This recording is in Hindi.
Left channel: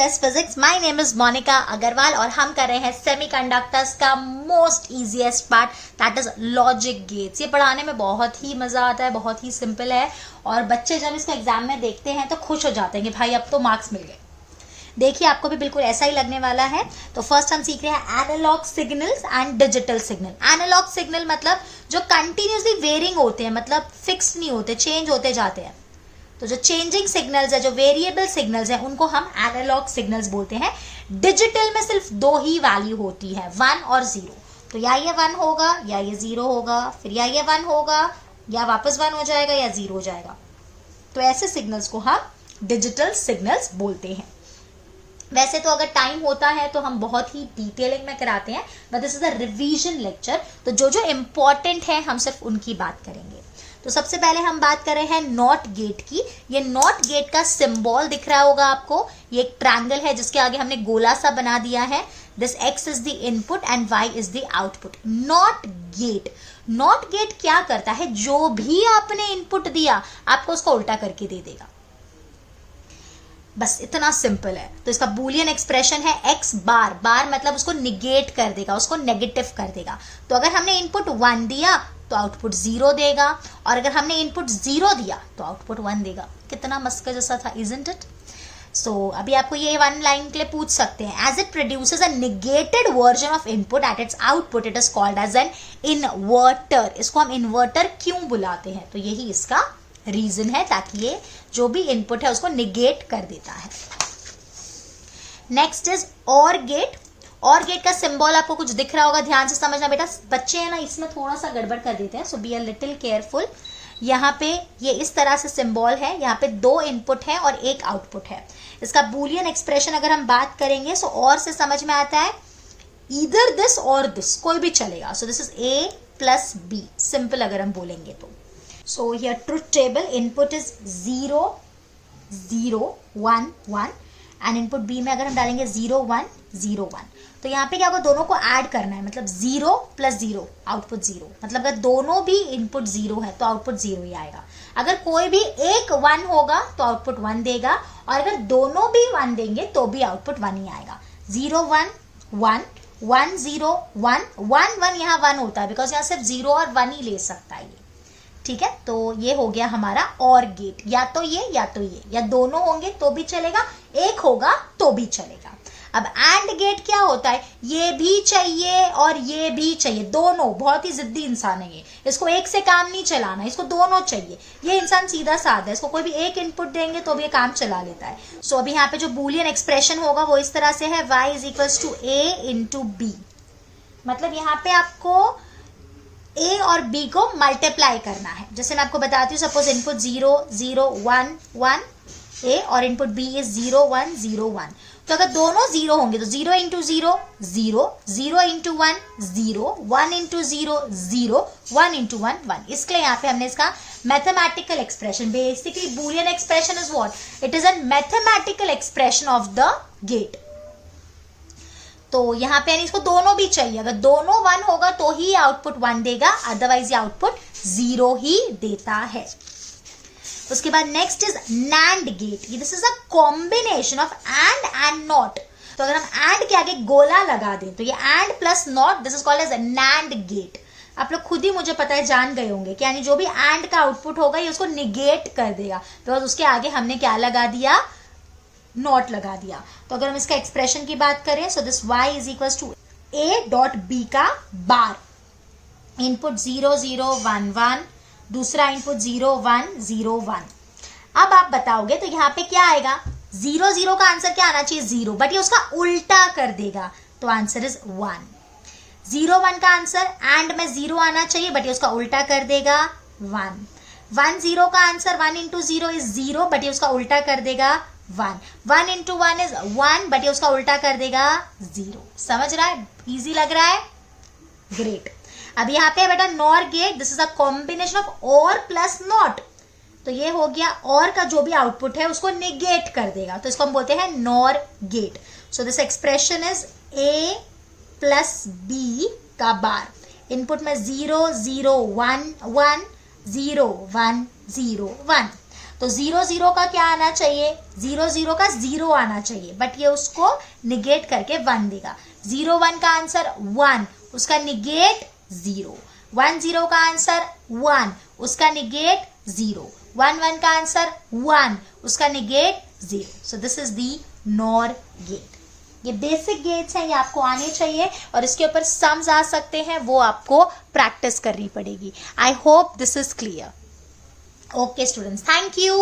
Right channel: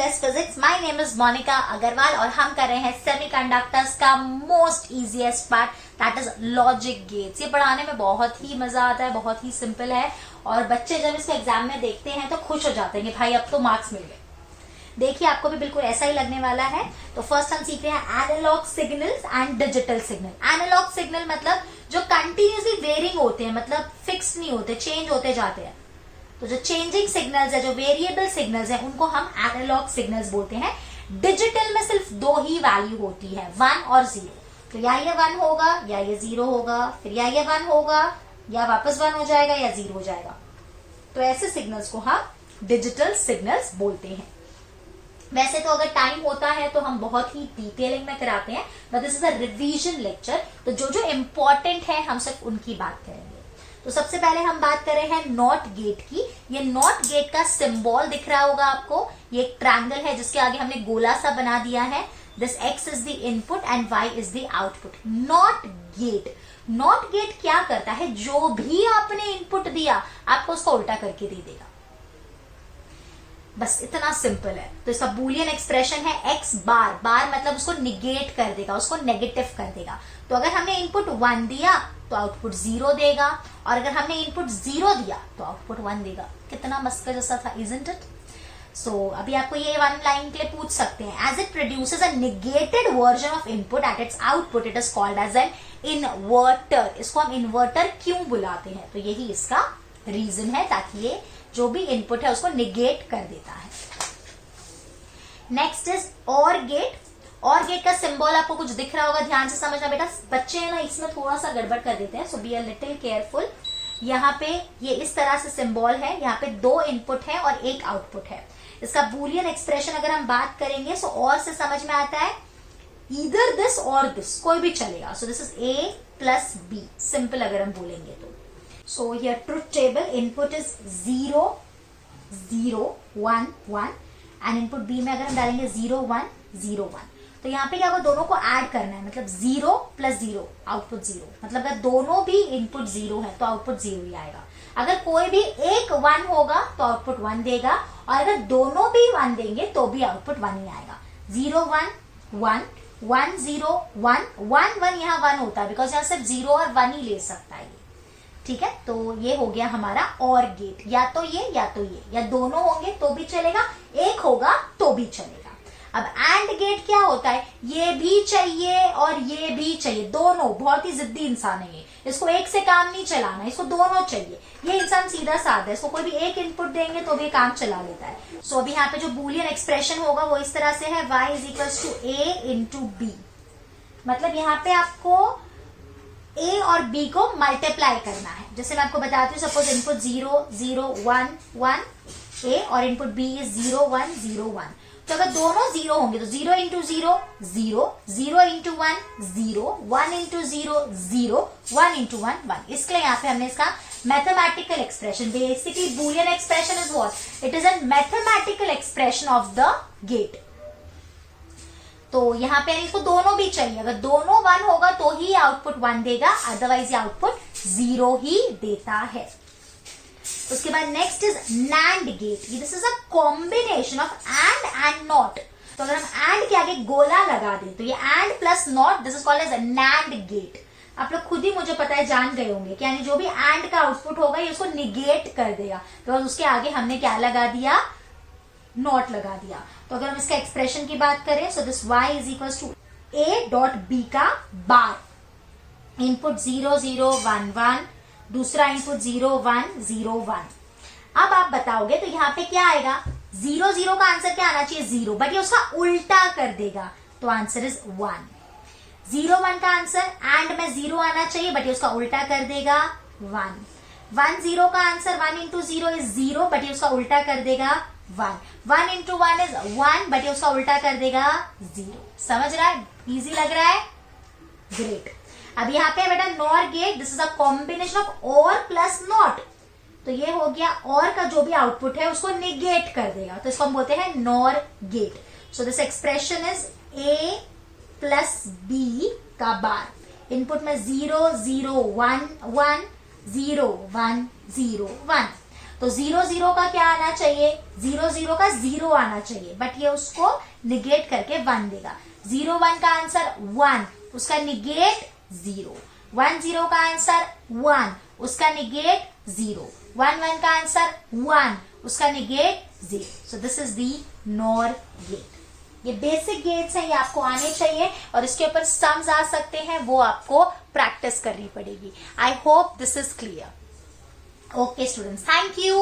Effortless physics. My name is Monika Agarwal और हम कर रहे हैं सेमीकंडक्टर्स का most easiest part, that is logic gates. ये पढ़ाने में बहुत ही मजा आता है, बहुत ही सिंपल है और बच्चे जब इसको एग्जाम में देखते हैं तो खुश हो जाते हैं कि भाई अब तो मार्क्स मिल गए। देखिए आपको भी बिल्कुल ऐसा ही लगने वाला है। तो फर्स्ट हम सीख रहे हैं analog signals and digital signal. Analog signal मतलब जो कंटिन्यूसली वेरिंग होते हैं, मतलब फिक्स नहीं होते, चेंज होते जाते हैं। तो जो चेंजिंग सिग्नल्स है, जो वेरिएबल सिग्नल्स है, उनको हम एनालॉग सिग्नल्स बोलते हैं। डिजिटल में सिर्फ दो ही वैल्यू होती है, 1 और 0। तो या ये 1 होगा या ये 0 होगा, फिर या ये 1 होगा या वापस 1 हो जाएगा या 0 हो जाएगा। तो ऐसे सिग्नल्स को हम डिजिटल सिग्नल्स बोलते हैं। वैसे तो अगर टाइम होता है तो हम बहुत ही डिटेलिंग में कराते हैं, but this is a revision lecture. तो जो जो इम्पोर्टेंट है हम सिर्फ उनकी बात करेंगे। तो सबसे पहले हम बात कर रहे हैं नॉट गेट की। ये नॉट गेट का सिंबल दिख रहा होगा आपको, ये एक ट्रायंगल है जिसके आगे हमने गोला सा बना दिया है। This x is the input and y is the output. Not gate, not gate क्या करता है, जो भी आपने इनपुट दिया आपको उसको उल्टा करके दे देगा। बस इतना सिंपल है। तो इसका बूलियन एक्सप्रेशन है x बार, बार मतलब उसको निगेट कर देगा, उसको नेगेटिव कर देगा। तो अगर हमने इनपुट 1 दिया तो आउटपुट 0 देगा, और अगर हमने इनपुट 0 दिया तो आउटपुट 1 देगा। कितना मस्का जैसा था, इजंट इट? सो अभी आपको ये 1 लाइन के लिए पूछ सकते हैं, as it produces a negated version of input at its output it is called as an inverter. इसको हम इन्वर्टर क्यों बुलाते हैं? तो यही इसका रीजन है, ताकि ये जो भी इनपुट है उसको निगेट कर देता है। नेक्स्ट इज और गेट। और गेट का सिंबल आपको कुछ दिख रहा होगा, ध्यान से समझना बेटा। बच्चे है ना इसमें थोड़ा सा गड़बड़ कर देते हैं, सो बी अ लिटिल केयरफुल। यहाँ पे ये इस तरह से सिंबल है, यहाँ पे 2 इनपुट है और 1 आउटपुट है। इसका बूलियन एक्सप्रेशन अगर हम बात करेंगे सो और से समझ में आता है ईदर दिस और दिस, कोई भी चलेगा। सो this is A plus B, simple अगर हम बोलेंगे तो। So here truth table input is 0 0 1 1 and input B में अगर हम डालेंगे 0 1 0 1, तो यहाँ पे क्या होगा, दोनों को ऐड करना है, मतलब 0 प्लस 0 आउटपुट 0। मतलब अगर दोनों भी इनपुट 0 है तो आउटपुट 0 ही आएगा। अगर कोई भी एक 1 होगा तो आउटपुट 1 देगा, और अगर दोनों भी 1 देंगे तो भी आउटपुट 1 ही आएगा। 0 1 1 1 0 1 1 1, यहाँ 1 होता है बिकॉज यहाँ सिर्फ 0 और 1 ही ले सकता है। ठीक है, तो ये हो गया हमारा और गेट। या तो ये या तो ये, या दोनों होंगे तो भी चलेगा, एक होगा तो भी चलेगा। अब एंड गेट क्या होता है, ये भी चाहिए और ये भी चाहिए, दोनों। बहुत ही जिद्दी इंसान है ये, इसको एक से काम नहीं चलाना, इसको दोनों चाहिए। ये इंसान सीधा साधा है, इसको कोई भी एक इनपुट देंगे तो भी काम चला लेता है। सो अभी यहाँ पे जो बूलियन एक्सप्रेशन होगा वो इस तरह से है, y is equals to A into B। मतलब यहाँ पे आपको A और B को मल्टीप्लाई करना है। जैसे मैं आपको बताती हूँ, सपोज इनपुट 0 0 1 1 A और इनपुट B इज 0 1 0 1। तो अगर दोनों 0 होंगे तो 0 इंटू 0 0 0 इंटू 1 0 1 इंटू 0 0 1 इंटू 1 1। इसके लिए यहाँ पे हमने इसका mathematical expression, basically Boolean expression is what, it is an mathematical expression of the gate. तो यहाँ पे इसको दोनों भी चाहिए, अगर दोनों 1 होगा तो ही आउटपुट 1 देगा, अदरवाइज ये आउटपुट 0 ही देता है। उसके बाद next is NAND gate. This is a combination of AND NOT. तो अगर हम एंड के आगे गोला लगा दें तो ये AND plus NOT, this is called as NAND gate. आप लोग खुद ही, मुझे पता है, जान गए होंगे कि यानी जो भी एंड का आउटपुट होगा ये उसको निगेट कर देगा, बिकॉज उसके आगे हमने क्या लगा दिया, नॉट लगा दिया। तो अगर हम इसका एक्सप्रेशन की बात करें, so this y is equal to A dot B का बार। इनपुट 0 0 1 1, दूसरा इनपुट 0 1 0 1। अब आप बताओगे तो यहाँ पे क्या आएगा, 0 0 का आंसर क्या आना चाहिए, 0, बट ये उसका उल्टा कर देगा, तो आंसर इज 1। 0 1 का आंसर एंड में 0 आना चाहिए, बट ये उसका उल्टा कर देगा 1। 1 0 का आंसर 1 इंटू 0 इज 0, बट ये उसका उल्टा कर देगा 1। 1 इंटू 1 इज 1, बट ये उसका उल्टा कर देगा 0। समझ रहा है, इजी लग रहा है, ग्रेट। अब यहाँ पे बेटा NOR gate, this is a combination of OR plus NOT. तो ये हो गया, और का जो भी आउटपुट है उसको निगेट कर देगा, तो इसको हम बोलते हैं NOR gate. So this expression is A plus B का बार। इनपुट में 0 0 1 1 0 1 0 1। तो 0 0 का क्या आना चाहिए, 0 0 का 0 आना चाहिए, बट ये उसको निगेट करके 1 देगा। 0 1 का आंसर 1, उसका निगेट 0। 1 0 का आंसर 1, उसका निगेट 0। 1 1 का आंसर 1, उसका negate 0। So this is the NOR gate. ये बेसिक गेट्स हैं, ये आपको आने चाहिए और इसके ऊपर सम्स आ सकते हैं, वो आपको प्रैक्टिस करनी पड़ेगी। I hope this is clear. Okay students, thank you.